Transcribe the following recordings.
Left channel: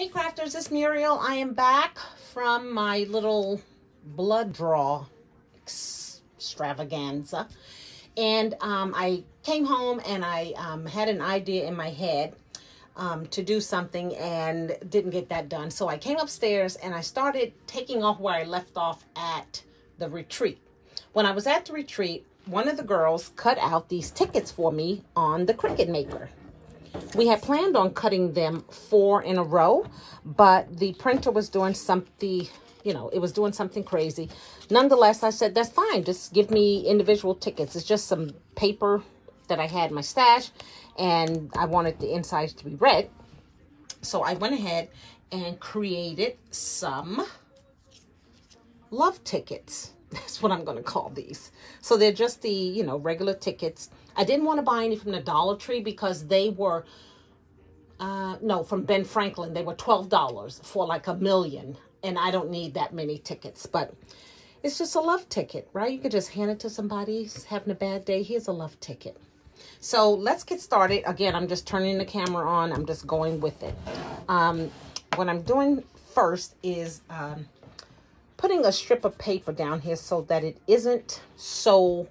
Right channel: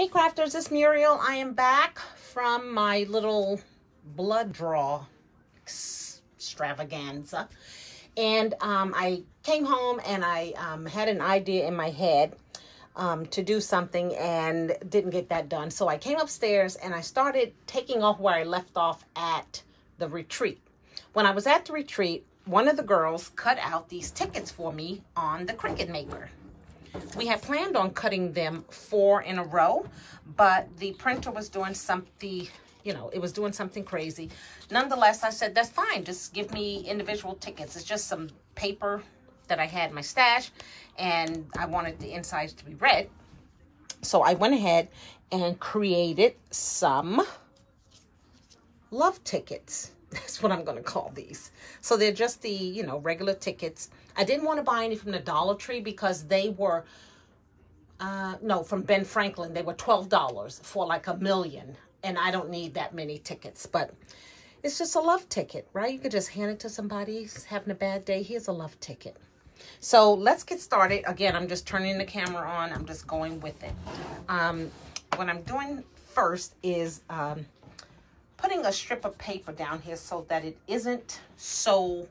Hey crafters, it's Muriel. I am back from my little blood draw extravaganza. And I came home and I had an idea in my head to do something and didn't get that done. So I came upstairs and I started taking off where I left off at the retreat. When I was at the retreat, one of the girls cut out these tickets for me on the Cricut Maker. We had planned on cutting them 4 in a row, but the printer was doing something, it was doing something crazy. Nonetheless, I said, that's fine. Just give me individual tickets. It's just some paper that I had in my stash, and I wanted the insides to be red. So I went ahead and created some love tickets. That's what I'm going to call these. So they're just the, regular tickets. I didn't want to buy any from the Dollar Tree because they were, from Ben Franklin, they were $12 for like 1 million. And I don't need that many tickets, but it's just a love ticket, right? You could just hand it to somebody who's having a bad day. Here's a love ticket. So let's get started. Again, I'm just turning the camera on. I'm just going with it. What I'm doing first is putting a strip of paper down here so that it isn't so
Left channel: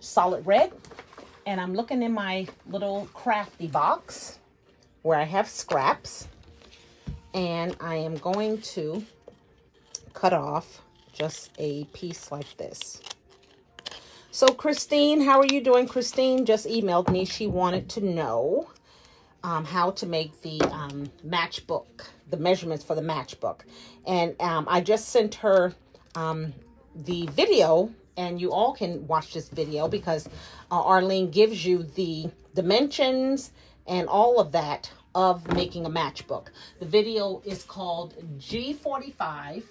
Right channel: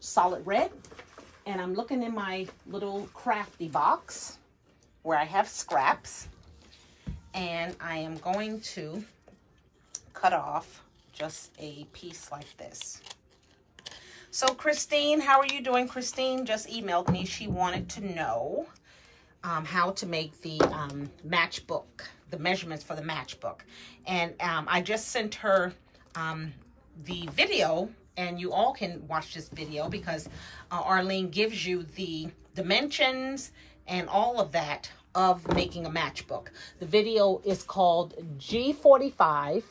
solid red. And I'm looking in my little crafty box where I have scraps. And I am going to cut off just a piece like this. So Christine, how are you doing? Christine just emailed me. She wanted to know how to make the matchbook, the measurements for the matchbook. And I just sent her the video, and you all can watch this video because Arlene gives you the dimensions and all of that of making a matchbook. The video is called G45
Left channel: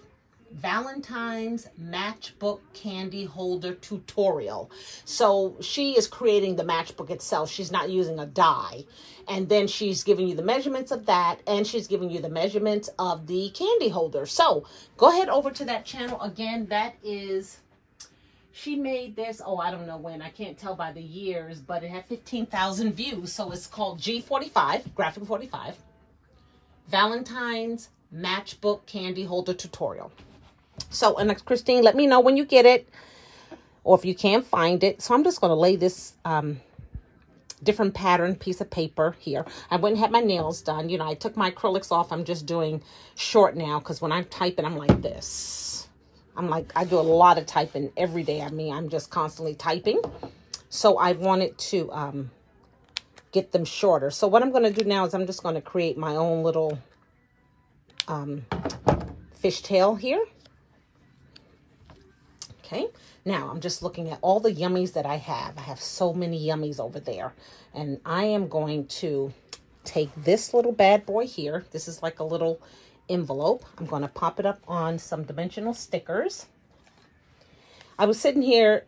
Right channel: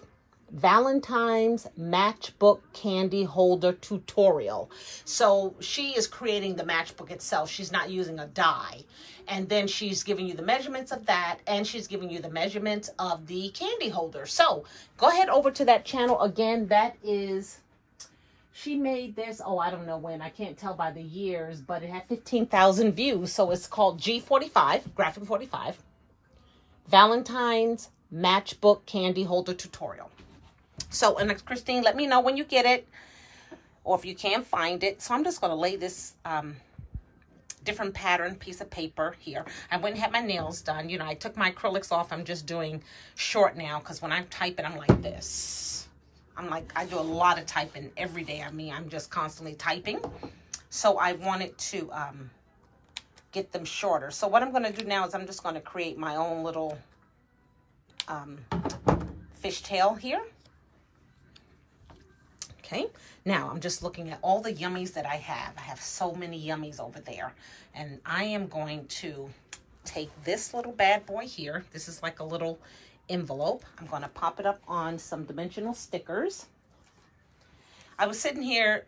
Valentine's Matchbook Candy Holder Tutorial. So she is creating the matchbook itself. She's not using a die. And then she's giving you the measurements of that, and she's giving you the measurements of the candy holder. So go ahead over to that channel. Again, that is, she made this, I don't know when, I can't tell by the years, but it had 15,000 views. So it's called G45, Graphic 45, Valentine's Matchbook Candy Holder Tutorial. So, and Christine, let me know when you get it, or if you can't find it. So I'm just going to lay this different pattern piece of paper here. I went and had my nails done. I took my acrylics off. I'm just doing short now because when I'm typing, I'm like this. I do a lot of typing every day. I'm just constantly typing. So I wanted to get them shorter. So what I'm going to do now is I'm just going to create my own little fishtail here. Okay, now I'm just looking at all the yummies that I have. I have so many yummies over there. And I am going to take this little bad boy here. This is like a little envelope. I'm going to pop it up on some dimensional stickers. I was sitting here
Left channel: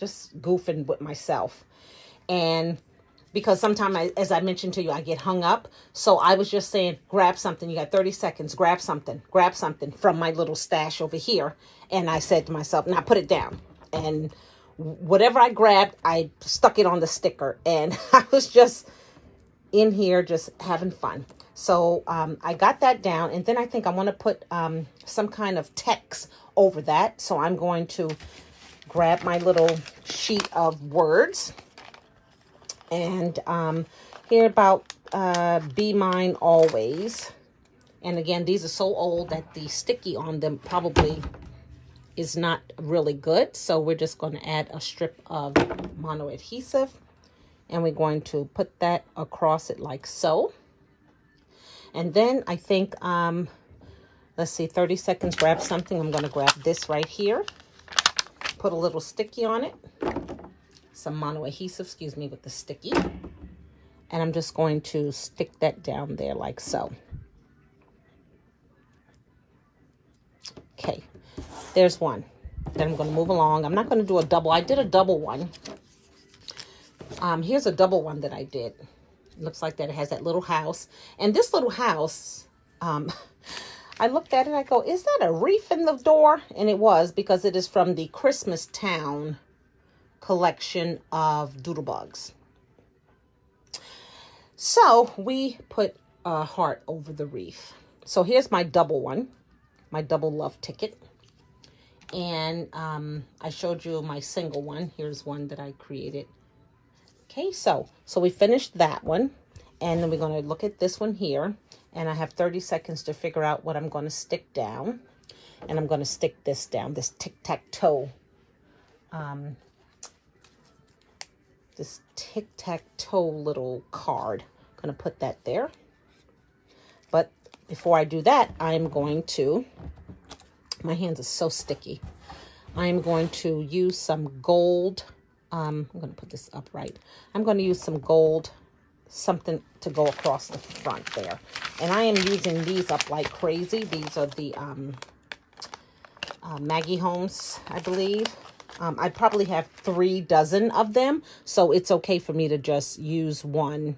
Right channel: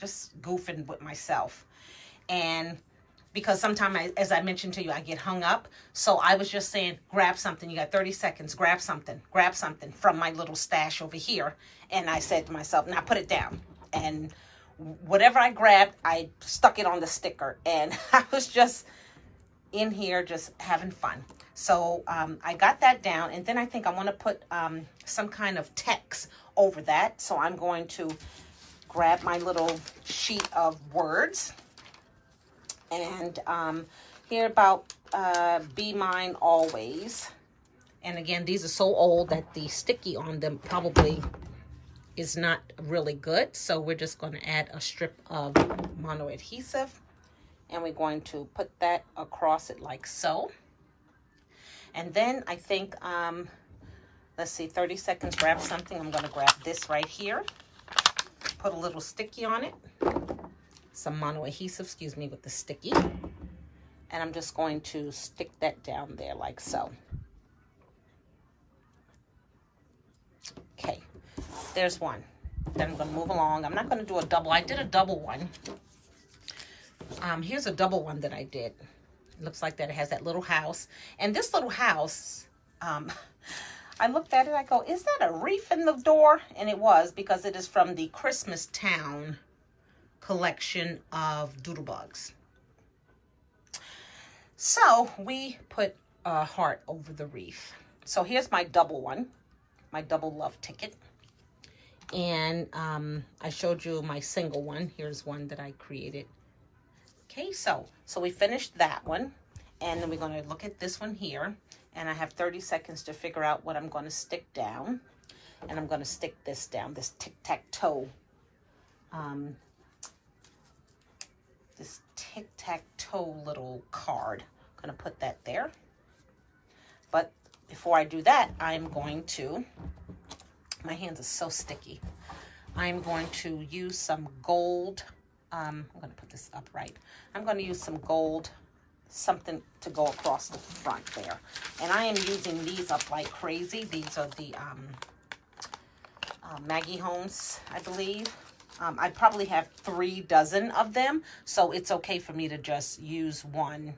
just goofing with myself. And because sometimes, as I mentioned to you, I get hung up. So I was just saying, grab something. You got 30 seconds. Grab something from my little stash over here. And I said to myself, now put it down. And whatever I grabbed, I stuck it on the sticker. And I was just in here just having fun. So I got that down. And then I think I want to put some kind of text over that. So I'm going to grab my little sheet of words. And here about Be Mine Always. And again, these are so old that the sticky on them probably is not really good. So we're just going to add a strip of mono adhesive. And we're going to put that across it like so. And then I think, let's see, 30 seconds, grab something. I'm going to grab this right here. Put a little sticky on it. Some mono adhesive, excuse me, with the sticky. And I'm just going to stick that down there like so. Okay, there's one. Then I'm going to move along. I'm not going to do a double. I did a double one. Here's a double one that I did. It looks like that it has that little house. And this little house, I looked at it, I go, is that a reef in the door? And it was, because it is from the Christmas Town collection of doodlebugs. So we put heart over the wreath. So here's my double one, my double love ticket. And I showed you my single one. Here's one that I created. Okay, so we finished that one. And then we're going to look at this one here. And I have 30 seconds to figure out what I'm going to stick down. And I'm going to stick this down, this tic-tac-toe. This tic-tac-toe little card. I'm going to put that there. But before I do that, I'm going to, my hands are so sticky. I'm going to use some gold. I'm going to put this upright. I'm going to use some gold, something to go across the front there. And I am using these up like crazy. These are the Maggie Holmes, I believe. I probably have 3 dozen of them, so it's okay for me to just use one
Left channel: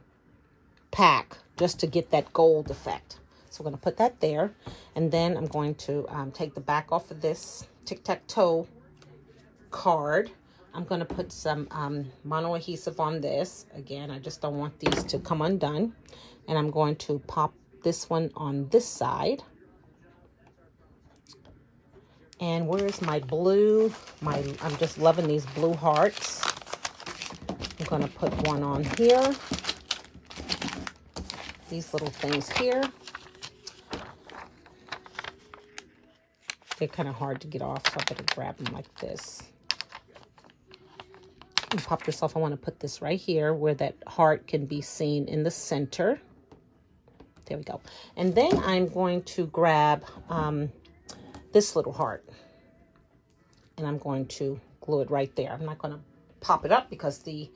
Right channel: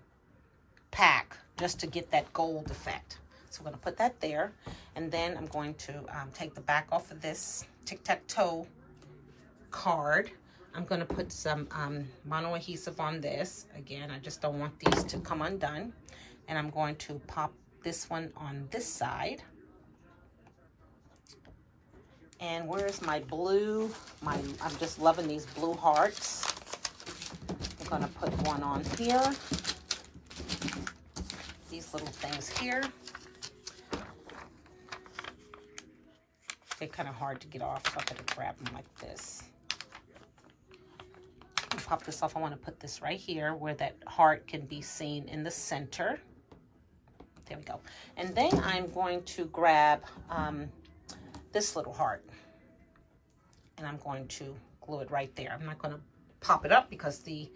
pack just to get that gold effect. So we're going to put that there, and then I'm going to take the back off of this tic-tac-toe card. I'm going to put some mono adhesive on this. Again, I just don't want these to come undone. And I'm going to pop this one on this side. And where's my blue? I'm just loving these blue hearts. I'm going to put one on here. These little things here. They're kind of hard to get off, so I'm going to grab them like this. And pop this off. I want to put this right here where that heart can be seen in the center. There we go. And then I'm going to grab this little heart. And I'm going to glue it right there. I'm not going to pop it up because the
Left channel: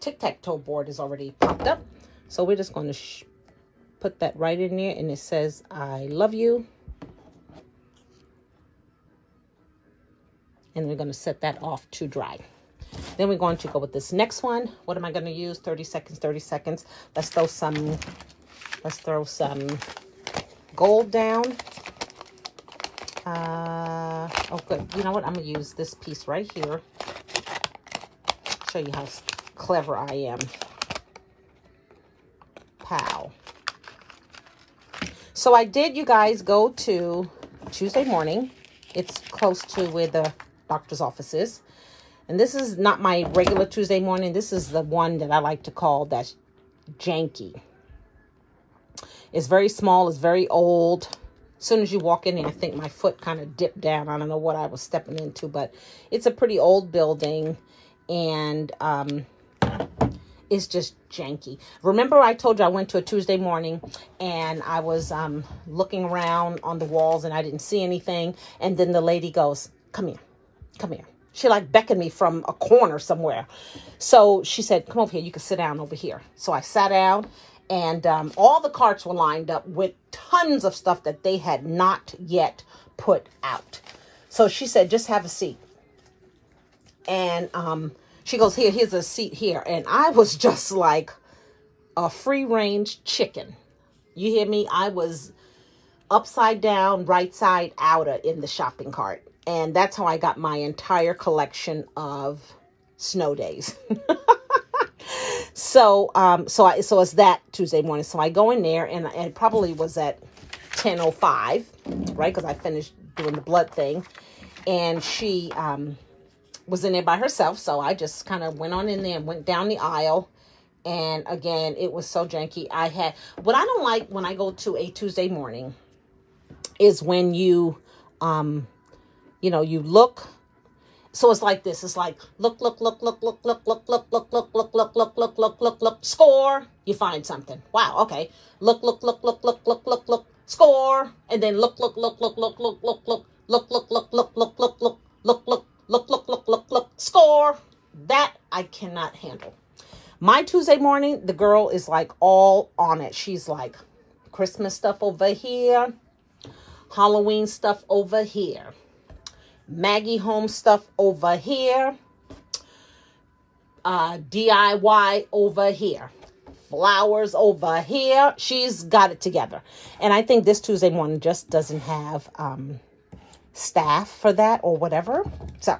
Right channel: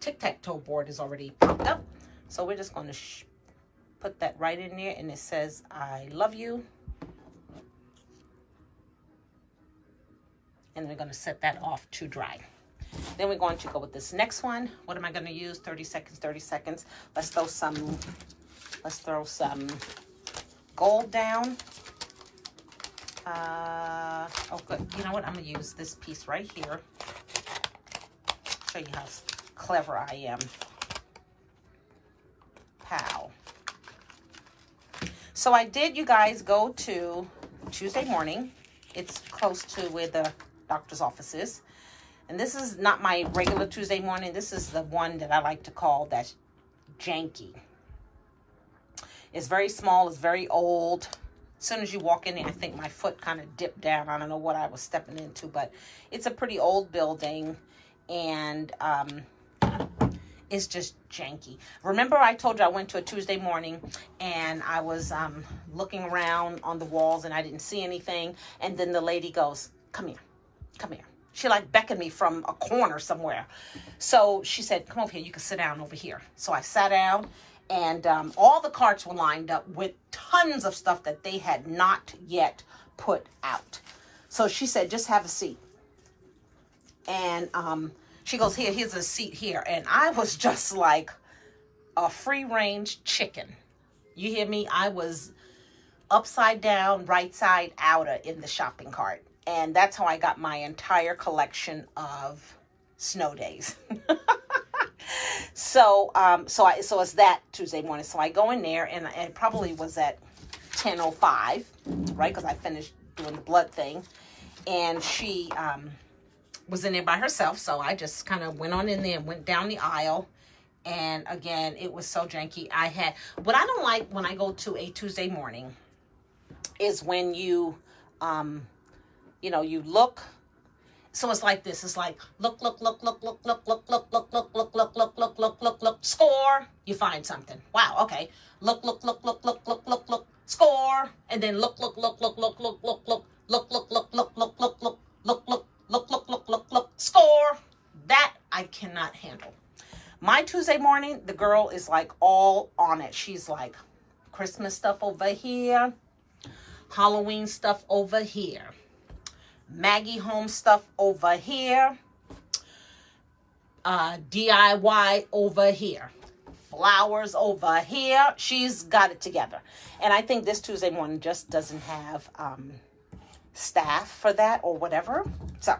tic-tac-toe board is already popped up. So we're just going to put that right in there. And it says, I love you. And we're going to set that off to dry. Then we're going to go with this next one. What am I going to use? 30 seconds, 30 seconds. Let's throw some gold down. Oh, good. You know what? I'm going to use this piece right here. Show you how clever I am. Pow. So I did, you guys, go to Tuesday morning. It's close to where the doctor's office is. And this is not my regular Tuesday morning. This is the one that I like to call that's janky. It's very small. It's very old. As soon as you walk in there, I think my foot kind of dipped down. I don't know what I was stepping into, but it's a pretty old building. And it's just janky. Remember I told you I went to a Tuesday morning and I was looking around on the walls and I didn't see anything. And then the lady goes, come here, come here. She like beckoned me from a corner somewhere. So she said, come over here. You can sit down over here. So I sat down and all the carts were lined up with tons of stuff that they had not yet put out. So she said, just have a seat. And she goes, here's a seat here. And I was just like a free-range chicken. You hear me? I was upside down, right side out in the shopping cart. And that's how I got my entire collection of snow days. So it's that Tuesday morning. So I go in there and it probably was at 10:05, right? Because I finished doing the blood thing. And she was in there by herself. So I just kind of went on in there and went down the aisle. And again, it was so janky. What I don't like when I go to a Tuesday morning is when you know, you look. So it's like this. It's like, look, score. You find something. Wow, okay. Look, score. And then look, score. That I cannot handle. My Tuesday morning, the girl is like all on it. She's like, Christmas stuff over here. Halloween stuff over here. Maggie Home stuff over here. DIY over here. Flowers over here. She's got it together. And I think this Tuesday morning just doesn't have staff for that or whatever. So,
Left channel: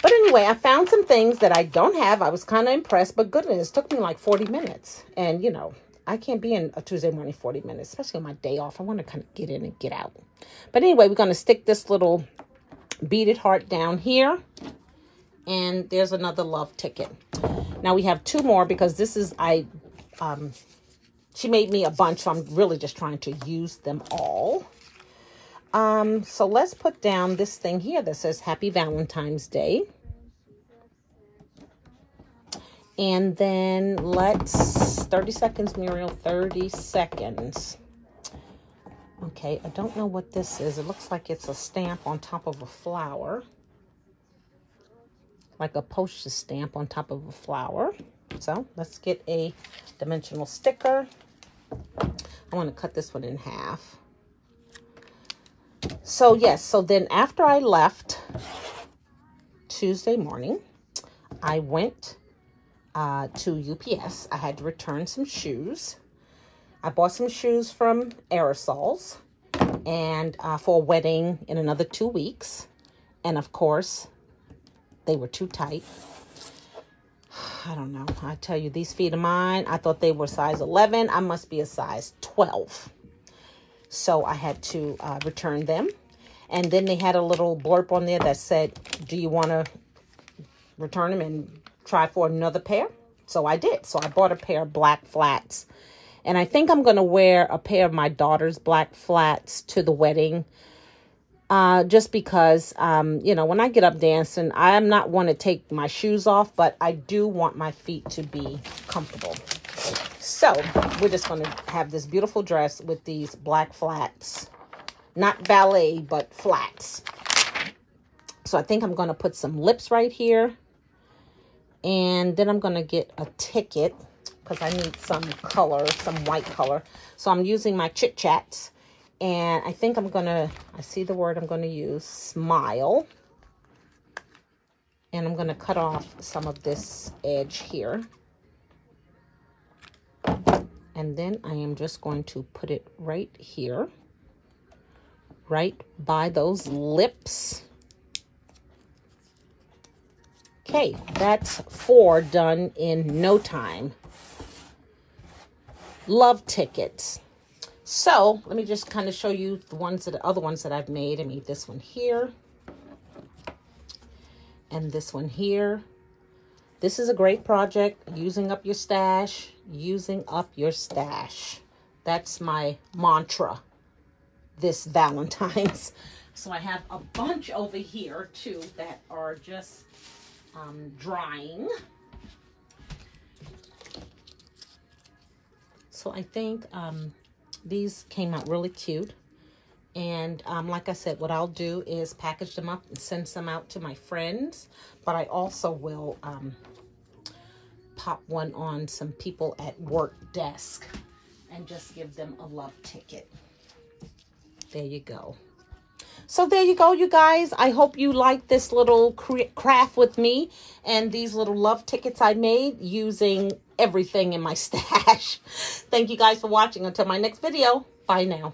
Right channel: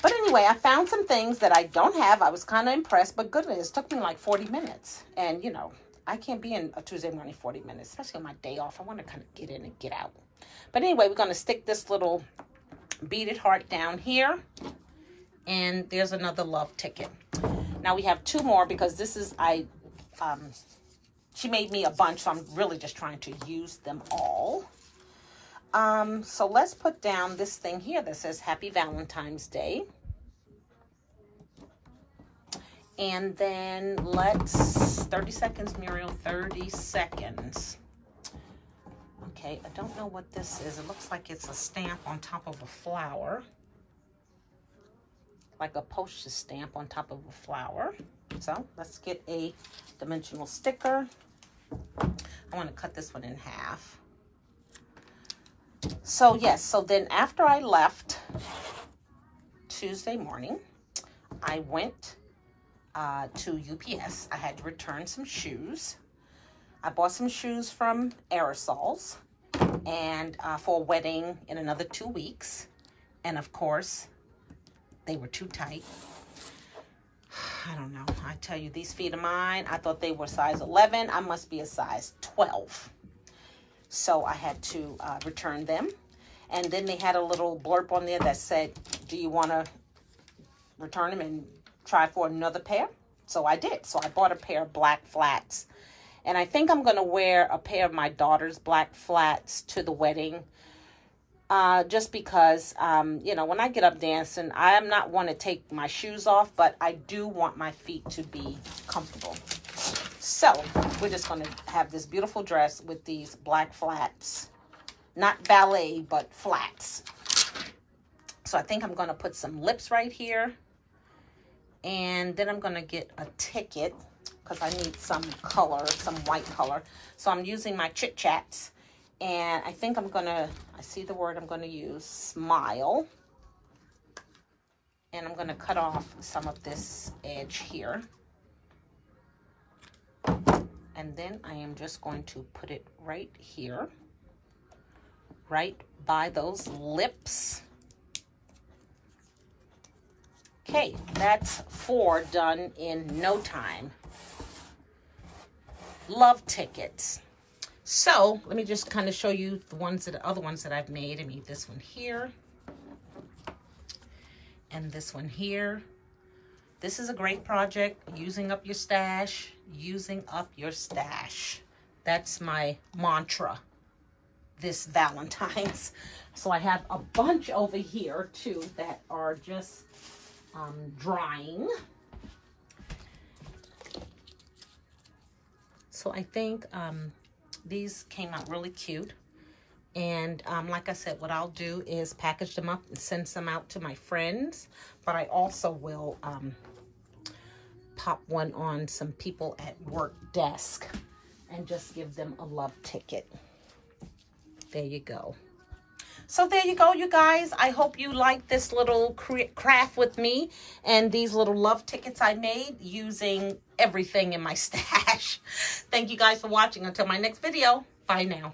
but anyway, I found some things that I don't have. I was kind of impressed, but goodness, it took me like 40 minutes. And, you know, I can't be in a Tuesday morning 40 minutes, especially on my day off. I want to kind of get in and get out. But anyway, we're going to stick this little beaded heart down here. And there's another love ticket. Now we have 2 more because this is, she made me a bunch, so I'm really just trying to use them all. So let's put down this thing here that says Happy Valentine's Day. And then let's, 30 seconds, Muriel, 30 seconds. Okay, I don't know what this is. It looks like it's a stamp on top of a flower. Like a postage stamp on top of a flower. So let's get a dimensional sticker. I want to cut this one in half. So yes, so then after I left Tuesday morning, I went to UPS. I had to return some shoes. I bought some shoes from Aerosols and for a wedding in another 2 weeks. And of course, they were too tight. I don't know. I tell you, these feet of mine, I thought they were size 11. I must be a size 12. So I had to return them. And then they had a little blurb on there that said, do you want to return them and try for another pair? So I did. So I bought a pair of black flats. And I think I'm going to wear a pair of my daughter's black flats to the wedding. Just because, you know, when I get up dancing, I am not one to take my shoes off, but I do want my feet to be comfortable. So we're just going to have this beautiful dress with these black flats. Not ballet, but flats. So I think I'm going to put some lips right here. And then I'm going to get a ticket because I need some color, some white color. So I'm using my Chit Chats. And I think I'm going to, I see the word I'm going to use, smile. And I'm going to cut off some of this edge here. And then I am just going to put it right here. Right by those lips. Okay, that's 4 done in no time. Love tickets. So let me just kind of show you the ones that other ones that I've made. I made this one here and this one here. This is a great project. Using up your stash, using up your stash. That's my mantra this Valentine's. So I have a bunch over here too that are just drying. So I think these came out really cute. And like I said, what I'll do is package them up and send some out to my friends. But I also will pop one on some people at work desk and just give them a love ticket. There you go. So there you go, you guys. I hope you like this little craft with me and these little love tickets I made using everything in my stash. Thank you guys for watching. Until my next video. Bye now.